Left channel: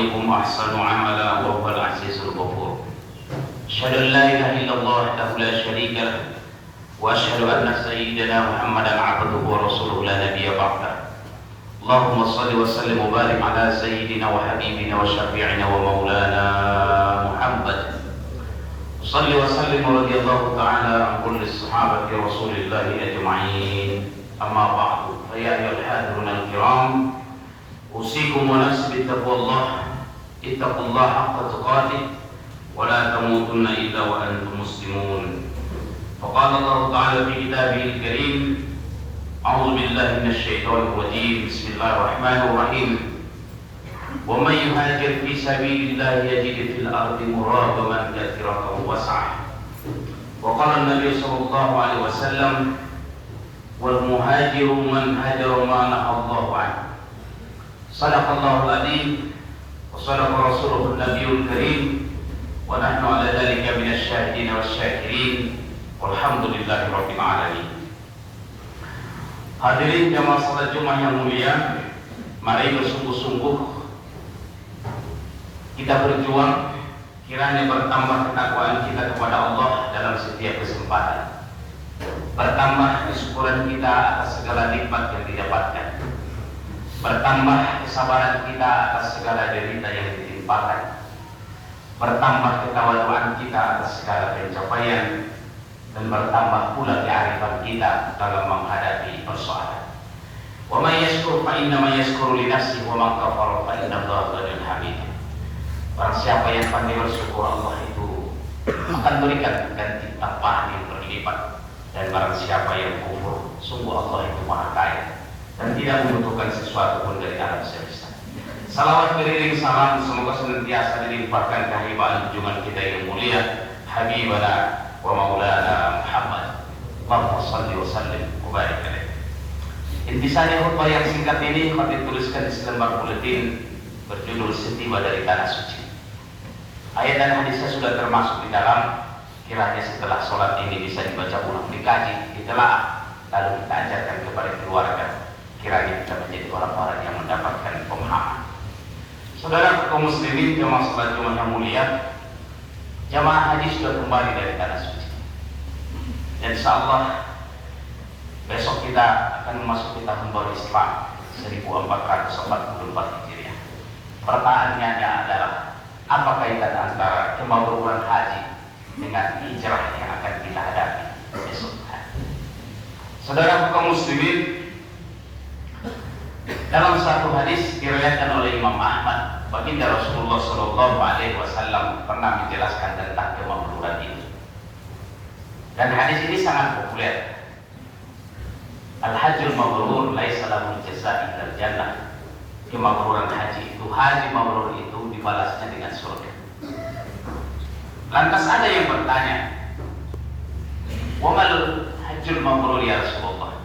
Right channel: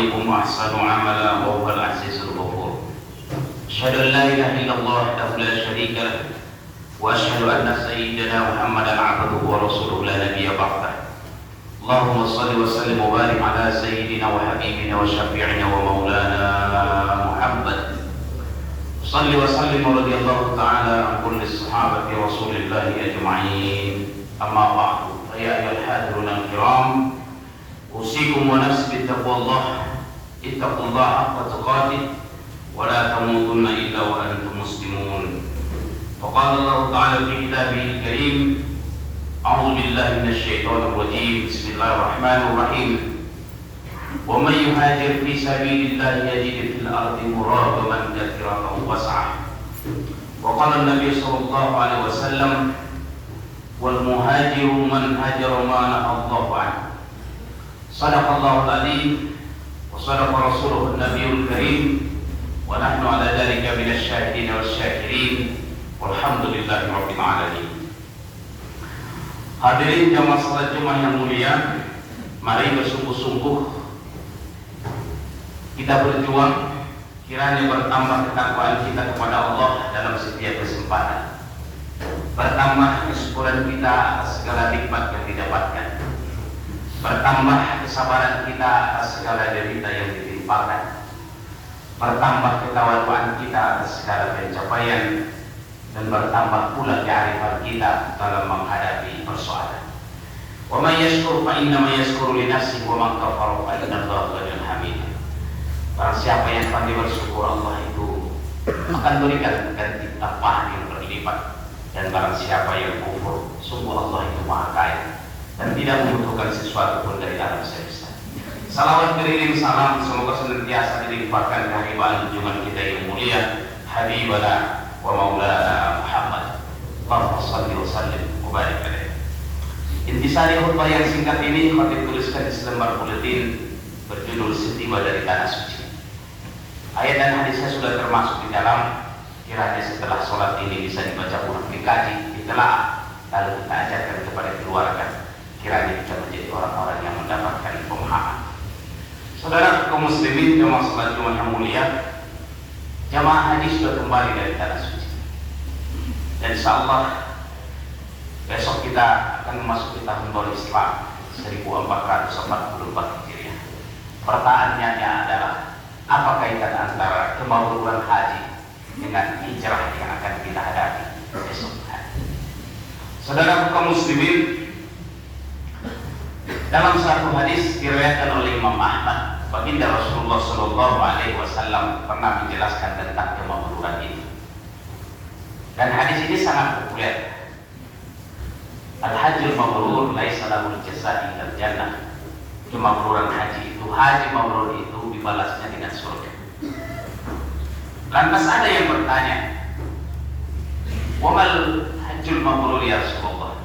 عليكم أحسن عملا وهو العزيز الغفور. أشهد أن لا إله إلا الله وحده لا شريك له وأشهد أن سيدنا محمدا عبده ورسوله لا نبي بعده. اللهم صل وسلم وبارك على سيدنا وحبيبنا وشفيعنا ومولانا محمد. صل وسلم ورضي الله تعالى عن كل الصحابة رسول الله أجمعين. أما بعد فيا أيها الحاضرون الكرام، أوصيكم ونفسي بتقوى الله. اتقوا الله حق تقاته ولا تموتن إلا وأنتم مسلمون. فقال الله تعالى في كتابه الكريم: أعوذ بالله من الشيطان الرجيم. بسم الله الرحمن الرحيم. ومن يهاجر في سبيل الله يجد في الأرض مراغما كثيرا وسعة. وقال النبي صلى الله عليه وسلم: والمهاجر من هاجر ما نهى الله عنه. صدق الله العظيم وصدق رسوله النبي الكريم ونحن على ذلك من الشاهدين والشاكرين والحمد لله رب العالمين. Hadirin jamaah salat Jumat yang mulia, mari bersungguh-sungguh kita berjuang kiranya bertambah ketakwaan kita kepada Allah dalam setiap kesempatan, bertambah kesyukuran kita atas segala nikmat yang didapatkan, bertambah kesabaran kita atas segala derita yang ditimpakan, bertambah ketawaduan kita atas segala pencapaian, dan bertambah pula kearifan kita dalam menghadapi persoalan. Wa may yashkur fa innama yashkuru li nafsihi wa man kafara fa inna Allaha ghaniyyun hamid. Barang siapa yang pandai bersyukur, Allah itu akan berikan ganti tambahan yang berlipat, dan barang siapa yang kufur, sungguh Allah itu Maha Kaya dan tidak membutuhkan sesuatu pun dari alam semesta. Salawat beriring salam semoga senantiasa dilimpahkan kehadiran Jumat kita yang mulia, Habibana wa Maulana Muhammad. Allahumma shalli wa sallim wa barik alaihi. Intisari khutbah yang singkat ini kami tuliskan di selembar buletin berjudul Setiba dari Tanah Suci. Ayat dan hadisnya sudah termasuk di dalam. Kiranya setelah sholat ini bisa dibaca ulang, dikaji, ditelaah, lalu kita ajarkan kepada keluarga. Kiranya kita menjadi orang-orang yang mendapatkan pemahaman. Saudara kaum muslimin, jamaah salat Jumat yang mulia, jamaah haji sudah kembali dari Tanah Suci. Dan insyaallah besok kita akan memasuki tahun baru Islam 1444 Hijriah. Pertanyaannya adalah, apa kaitan antara kemabruran haji dengan hijrah yang akan kita hadapi besok hari? Saudara kaum muslimin, dalam satu hadis diriwayatkan oleh Imam Ahmad, baginda Rasulullah Shallallahu Alaihi Wasallam pernah menjelaskan tentang kemabruran itu. Dan hadis ini sangat populer. Al-hajjul mabrur laisa lahu jazaa illa jannah. Kemabruran haji mabrur itu dibalasnya dengan surga. Lantas ada yang bertanya, "Wamal hajjul mabrur ya Rasulullah?"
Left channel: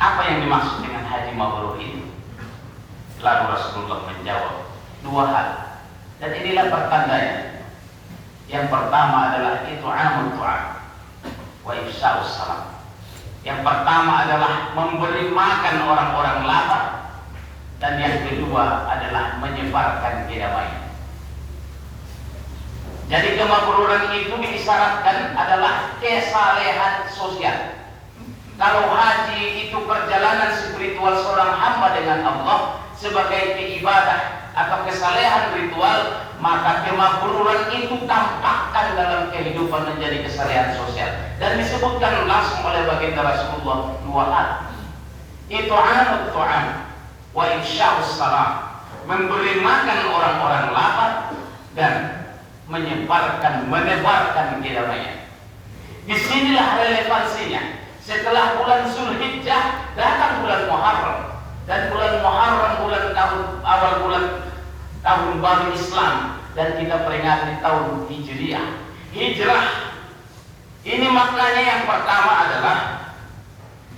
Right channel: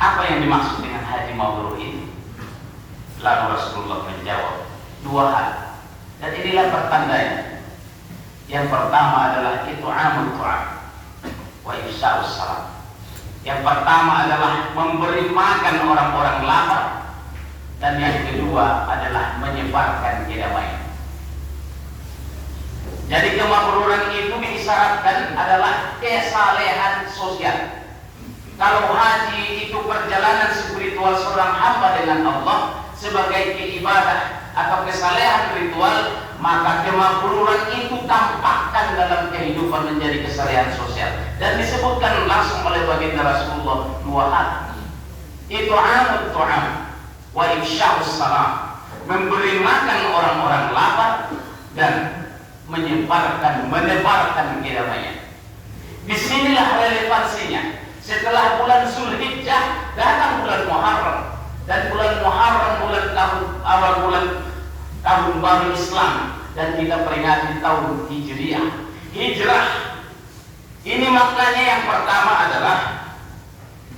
Apa yang dimaksud dengan haji mabrur itu? Lalu Rasulullah menjawab, dua hal. Dan inilah pertandanya. Yang pertama adalah it'amul ta'am wa ifsha'us salam. Yang pertama adalah memberi makan orang-orang lapar, dan yang kedua adalah menyebarkan kedamaian. Jadi kemabruran itu disyaratkan adalah kesalehan sosial. Kalau haji itu perjalanan spiritual seorang hamba dengan Allah sebagai ibadah atau kesalehan ritual, maka kemabruran itu tampakkan dalam kehidupan menjadi kesalehan sosial. Dan disebutkan langsung oleh baginda Rasulullah dua hal. It'amul ta'am wa ifsha'us salam. Memberi makan orang-orang lapar dan menebarkan kedamaian. Disinilah relevansinya. Setelah bulan Zulhijjah datang bulan Muharram, dan bulan Muharram awal bulan tahun baru Islam, dan kita peringati tahun Hijriah. Hijrah ini maknanya yang pertama adalah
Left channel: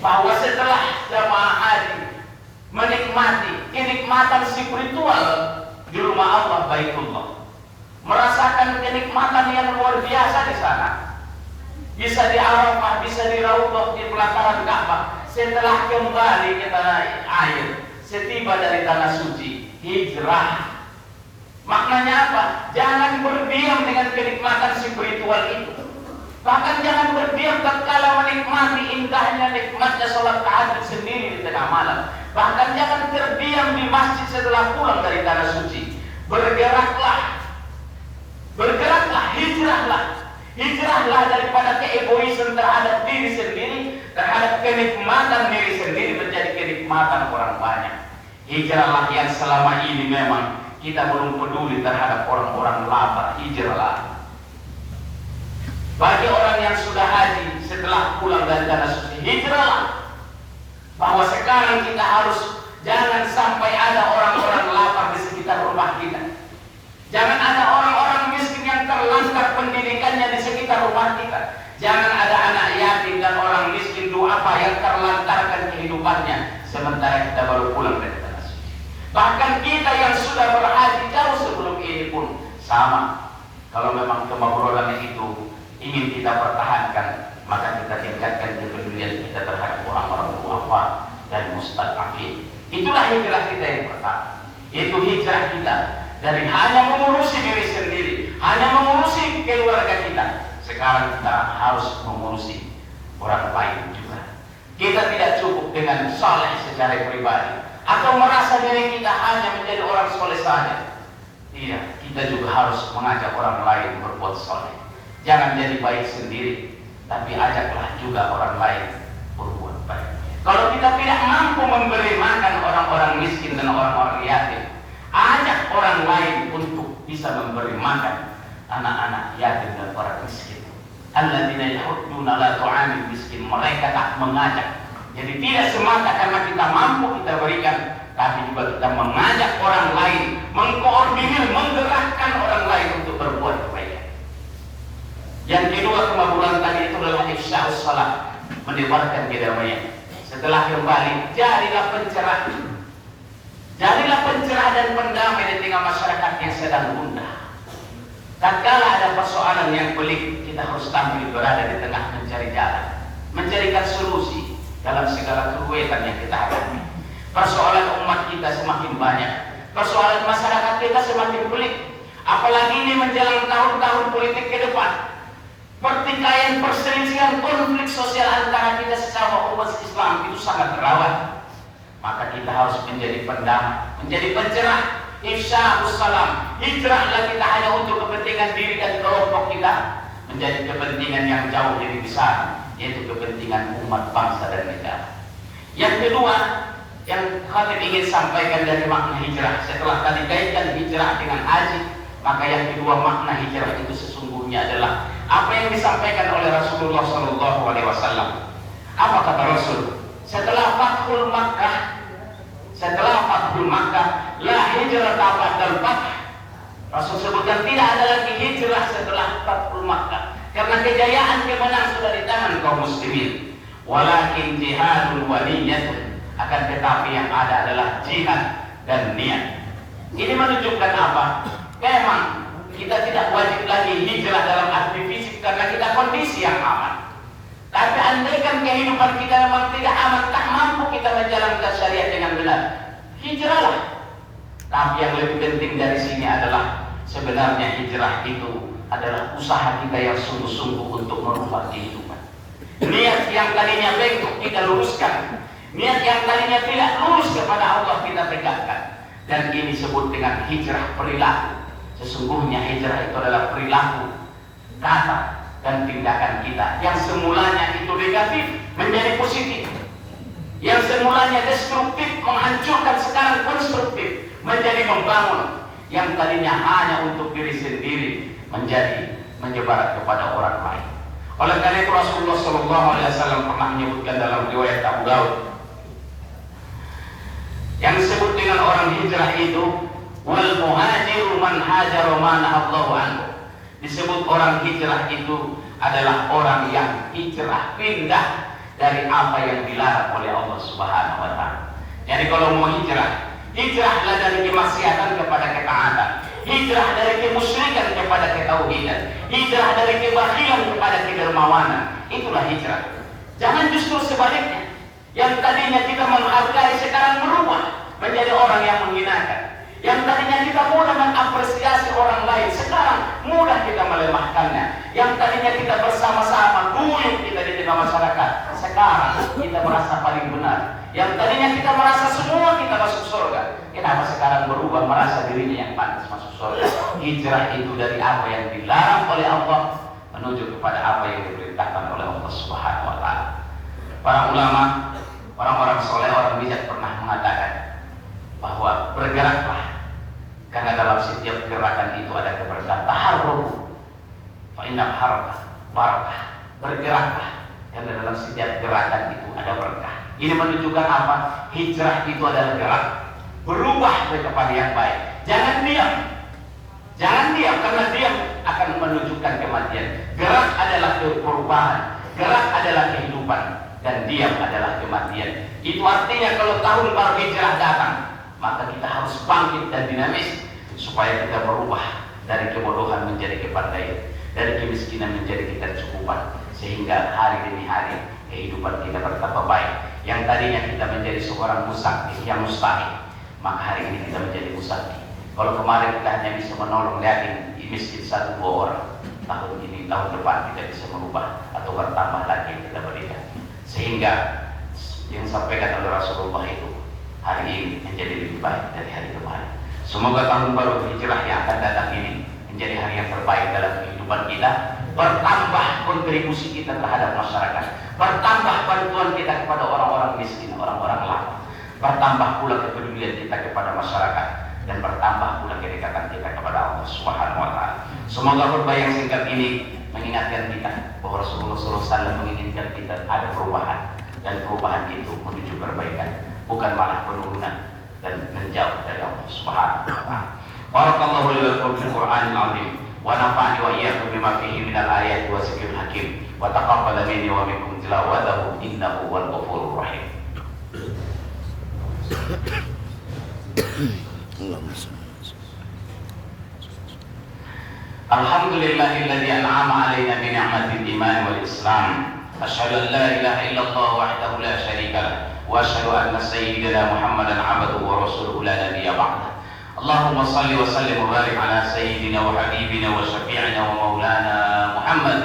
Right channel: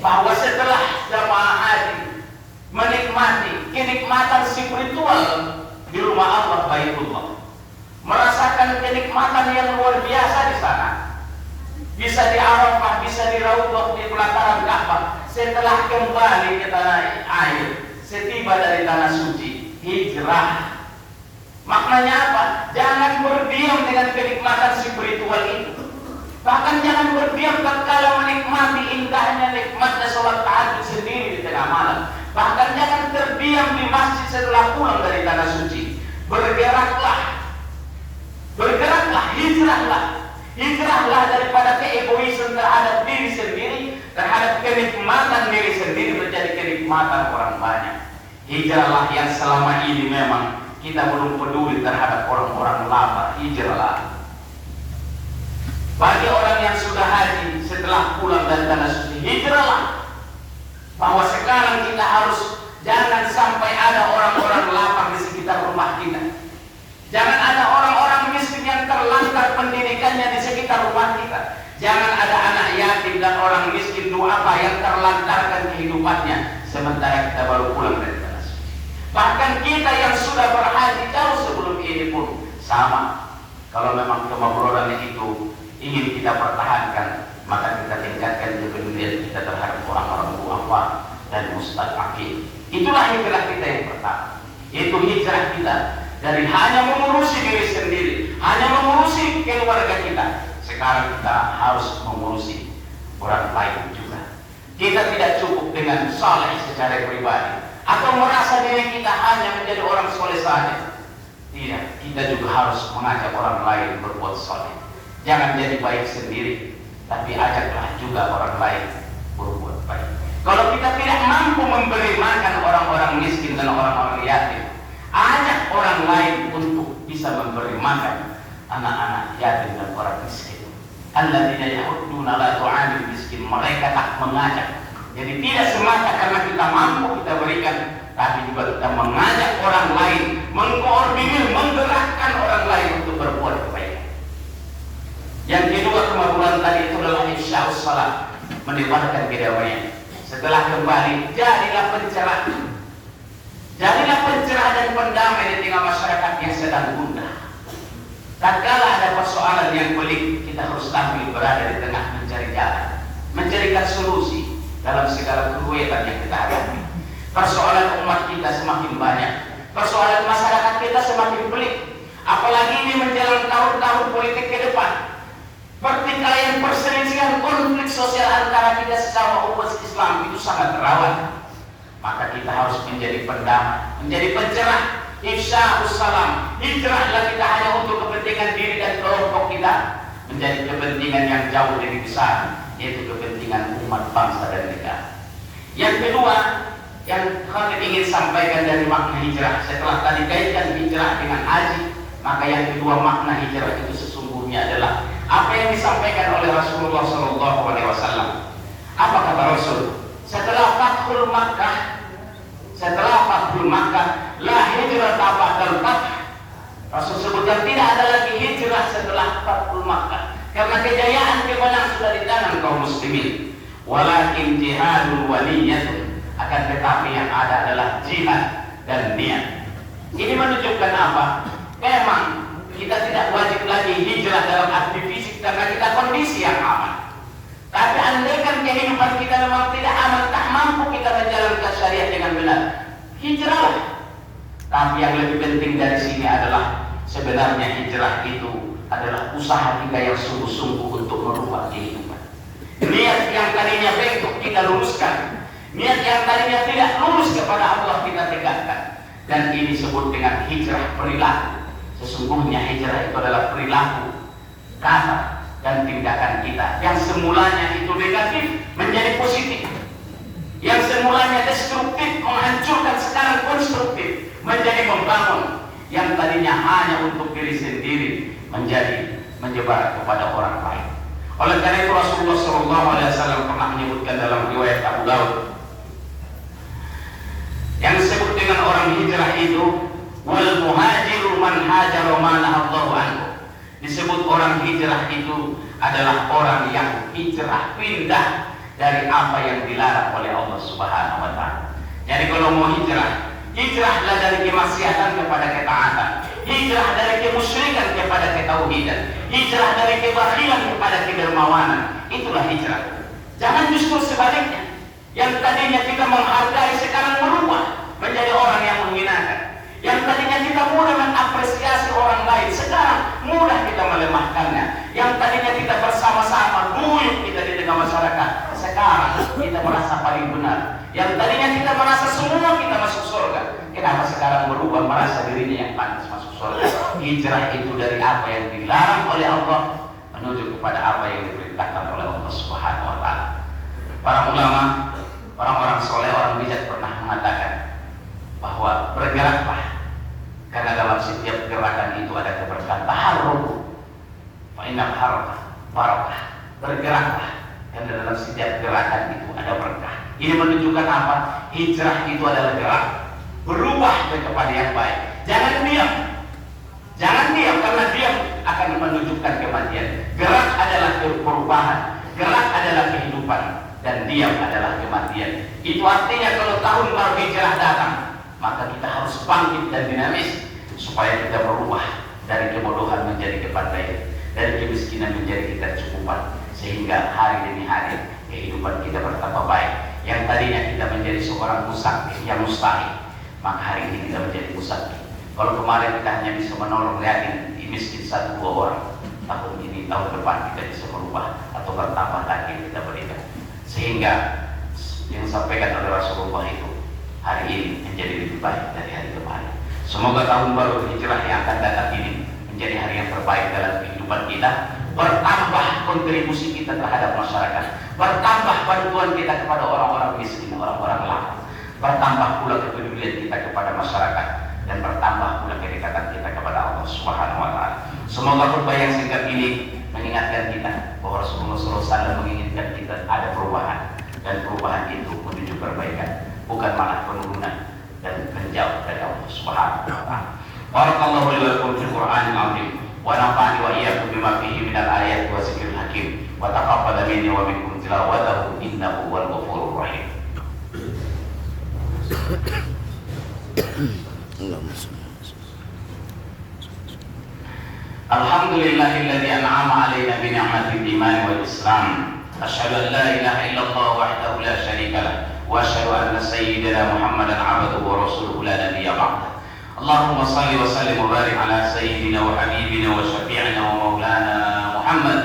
bahwa setelah jamaah haji menikmati kenikmatan spiritual di rumah Allah Baitullah, merasakan kenikmatan yang luar biasa di sana, bisa di Arafah, bisa di Raudhah, di pelataran Ka'bah. Setelah kembali ke tanah air, setiba dari tanah suci, hijrah. berdiam dengan kenikmatan spiritual itu. Bahkan jangan berdiam tatkala menikmati indahnya nikmatnya sholat tahajud sendiri di tengah malam. Bahkan jangan terdiam di masjid setelah pulang dari tanah suci. Bergeraklah, hijrahlah daripada keegoisan terhadap diri sendiri, terhadap kenikmatan diri sendiri menjadi kenikmatan orang banyak. Hijrahlah yang selama ini memang kita belum peduli terhadap orang-orang lapar. Hijrahlah. Bagi orang yang sudah haji setelah pulang dari tanah suci, hijrahlah. Bahwa sekarang kita harus jangan sampai ada orang-orang lapar di sekitar rumah kita. Jangan ada orang-orang miskin yang terlantar pendidikannya di sekitar rumah kita. Jangan ada anak yatim dan orang miskin duafa yang terlantarkan kehidupannya sementara kita baru pulang dari tanah suci. Bahkan kita yang sudah berhaji jauh sebelum ini pun sama. Kalau memang kemabrodannya itu ingin kita pertahankan, maka kita tingkatkan kepedulian kita terhadap orang-orang duafa dan mustaqim. Itulah hijrah kita yang pertama, yaitu hijrah kita dari hanya mengurusi diri sendiri, hanya mengurusi keluarga kita. Sekarang kita harus mengurusi orang lain juga. Kita tidak cukup dengan saleh secara pribadi atau merasa diri kita hanya menjadi orang soleh saja. Tidak, kita juga harus mengajak orang lain berbuat soleh. Jangan jadi baik sendiri, tapi ajaklah juga orang lain berbuat baik. Kalau kita tidak mampu memberi makan orang-orang miskin dan orang-orang yatim, ajak orang lain untuk bisa memberi makan anak-anak yatim dan orang miskin. Alladzina yahudduna la tu'amil miskin. Mereka tak mengajak. Jadi tidak semata karena kita mampu kita berikan, tapi juga kita mengajak orang lain, mengkoordinir, menggerakkan orang lain untuk berbuat baik. Yang kedua kemampuan tadi itu adalah ifsya'us salam, menyebarkan kedamaian. Setelah kembali, jadilah pencerah. Jadilah pencerah dan pendamai di tengah masyarakat yang sedang gundah. Tatkala ada persoalan yang pelik, kita harus tampil berada di tengah mencari jalan, mencarikan solusi dalam segala kesulitan yang kita hadapi. Persoalan umat kita semakin banyak, persoalan masyarakat kita semakin pelik. Apalagi ini menjelang tahun-tahun politik ke depan. Pertikaian, perselisihan, konflik sosial antara kita sesama umat Islam itu sangat rawan. Maka kita harus menjadi pendamai, menjadi pencerah. Ifsya'us salam, hijrahlah kita hanya untuk kepentingan diri dan kelompok kita, menjadi kepentingan yang jauh lebih besar, yaitu kepentingan umat, bangsa dan negara. Yang kedua yang kami ingin sampaikan dari makna hijrah, setelah tadi kaitkan hijrah dengan haji, maka yang kedua makna hijrah itu sesungguhnya adalah apa yang disampaikan oleh Rasulullah SAW. Apa kata Rasul? Setelah Fathul Makkah, la hijrah ba'dal fath. Rasul sebutkan tidak ada lagi hijrah setelah Fathul Makkah, karena kejayaan kemenangan sudah di tangan kaum muslimin. Walakin jihadun wa niyyatun, akan tetapi yang ada adalah jihad dan niat. Ini menunjukkan apa? Memang kita tidak wajib lagi hijrah dalam arti fisik karena kita kondisi yang aman. Tapi andaikan kehidupan kita memang tidak aman, tak mampu kita menjalankan syariat dengan benar, hijrahlah. Tapi yang lebih penting dari sini adalah sebenarnya hijrah itu adalah usaha kita yang sungguh-sungguh untuk merubah kehidupan. Niat yang tadinya bengkok kita luruskan, niat yang tadinya tidak lurus kepada Allah kita tegakkan. Dan ini disebut dengan hijrah perilaku. Sesungguhnya hijrah itu adalah perilaku, kata dan tindakan kita yang semulanya itu negatif menjadi positif, yang semulanya destruktif menghancurkan sekarang konstruktif menjadi membangun, yang tadinya hanya untuk diri sendiri menjadi menyebar kepada orang lain. Oleh karena itu Rasulullah SAW pernah menyebutkan dalam riwayat Abu Daud yang disebut dengan orang hijrah itu wal muhajiru man hajara ma Allahu anhu. Disebut orang hijrah itu adalah orang yang hijrah, pindah dari apa yang dilarang oleh Allah Subhanahu wa taala. Jadi kalau mau hijrah, hijrahlah dari kemaksiatan kepada ketaatan, hijrah dari kemusyrikan kepada ketauhidan, hijrah dari kebakhilan kepada kedermawanan. Itulah hijrah. Jangan justru sebaliknya. Yang tadinya kita menghargai sekarang berubah menjadi orang yang menghinakan. Yang tadinya kita mulai mengapresiasi orang lain sekarang mulai hijrah itu dari apa yang dilarang oleh Allah menuju kepada apa yang diperintahkan oleh Allah Subhanahu wa taala. Para ulama, orang-orang soleh, orang bijak pernah mengatakan bahwa bergeraklah, karena dalam setiap gerakan itu ada keberkahan. Taharruku fa inna haraka barakah. Bergeraklah, karena dalam setiap gerakan itu ada berkah. Ini menunjukkan apa? Hijrah itu adalah gerak, berubah kepada yang baik. Jangan diam. Jangan diam, karena diam akan menunjukkan kematian. Gerak adalah perubahan, gerak adalah kehidupan, dan diam adalah kematian. Itu artinya kalau tahun baru hijrah datang, maka kita harus bangkit dan dinamis supaya kita berubah dari kebodohan menjadi kepandaian, dari kemiskinan menjadi ketercukupan, sehingga hari demi hari kehidupan kita bertambah baik. Yang tadinya kita menjadi seorang musafir yang mustahil, maka hari ini kita menjadi musafir. Kalau kemarin kita hanya bisa menolong yatim miskin 1-2 orang, tahun ini, tahun depan kita bisa merubah atau bertambah lagi kita berikan, sehingga yang disampaikan oleh Rasulullah itu hari ini menjadi lebih baik dari hari kemarin. Semoga tahun baru hijrah yang akan datang ini menjadi hari yang terbaik dalam kehidupan kita. Bertambah kontribusi kita terhadap masyarakat, bertambah bantuan kita kepada orang-orang miskin, orang-orang lemah, bertambah pula kepedulian kita kepada masyarakat, dan bertambah pula kedekatan kita kepada Allah Subhanahu wa taala. Semoga khutbah yang singkat ini mengingatkan kita bahwa Rasulullah SAW menginginkan kita ada perubahan, dan perubahan itu menuju perbaikan, bukan malah penurunan dan menjauh dari Allah Subhanahu wa taala. Barakallahu li wa lakum fil Qur'anil 'azim wa nafa'ani wa iyyakum bima fihi minal ayati wa dzikril hakim wa taqabbal minni wa minkum tilawatahu innahu huwal ghafurur rahim. Alhamdulillahilladzi an'ama 'alaina bi ni'matil iman wal islam. Asyhadu an la ilaha illallah wahdahu la syarika lah wa asyhadu anna sayyidina Muhammadan 'abduhu wa rasuluhu la nabiyya ba'dah. Allahumma shalli wa sallim wa barik ala sayyidina wa habibina wa syafi'ina wa maulana Muhammad.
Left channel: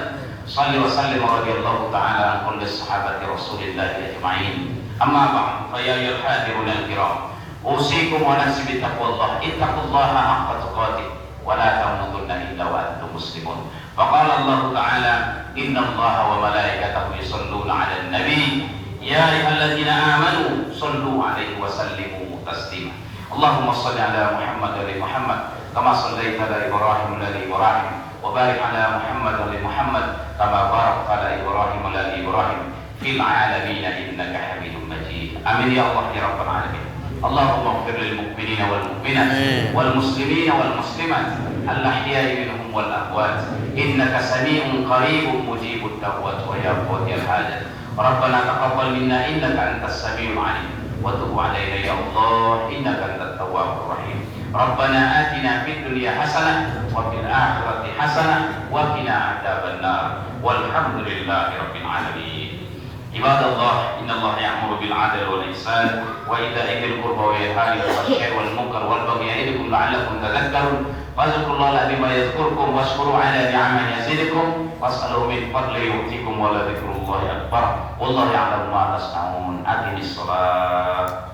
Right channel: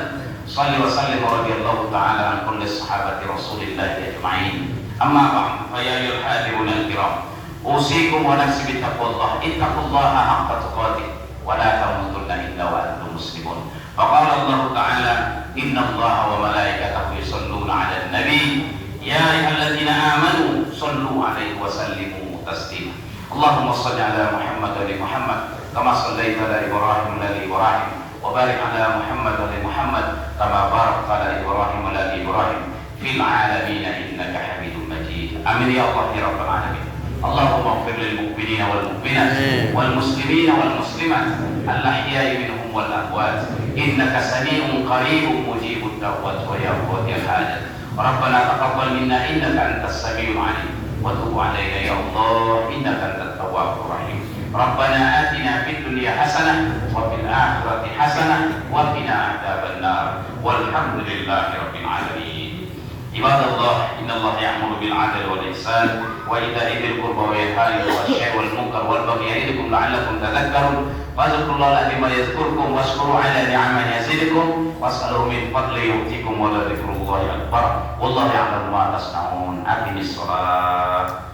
Shalli wa sallim wa radiyallahu ta'ala an kulli sahabati Rasulillahi ajma'in. Amma ba'd, fa ya ayyuhal hadirun al-kiram, usikum wa nafsi bi taqwallah. Ittaqullaha haqqa tuqatih wa la tamutunna illa wa antum muslimun. Faqala Allah ta'ala, inna Allaha wa malaikatahu yusholluna 'alan nabi ya ayyuhalladzina amanu shallu 'alaihi wa sallimu taslima. Allahumma shalli 'ala Muhammad wa ali Muhammad kama shallaita 'ala Ibrahim wa ali Ibrahim wa barik 'ala Muhammad wa ali Muhammad kama barakta 'ala Ibrahim wa ali Ibrahim fil 'alamin innaka Hamidum Majid. Amin ya Allah ya rabbal alamin. Allahumma ighfir lil mu'minina wal mu'minat wal muslimina wal muslimat al ahya'i minhum wal amwat innaka sami'un qaribun mujibud da'wat wa ya qadiyal hajat. Rabbana taqabbal minna innaka antas sami'ul 'alim wa tub 'alaina ya Allah innaka antat tawwabur rahim. Rabbana atina fid dunya hasanah wa fil akhirati hasanah wa qina adzabannar. Walhamdulillahi rabbil alamin. Ibadallah, innallaha ya'muru bil 'adli wal ihsan wa ita'i dzil qurba wa yanha 'anil fahsya'i wal munkar wal baghi ya'idukum la'allakum tadhakkarun. Fadhkurullaha bima yadhkurkum washkuru 'ala ni'amihi yazidukum was'aluhu min fadlihi yu'tikum wa la dzikrullahi akbar. Wallahu ya'lamu ma tasna'un. Aqimis shalah.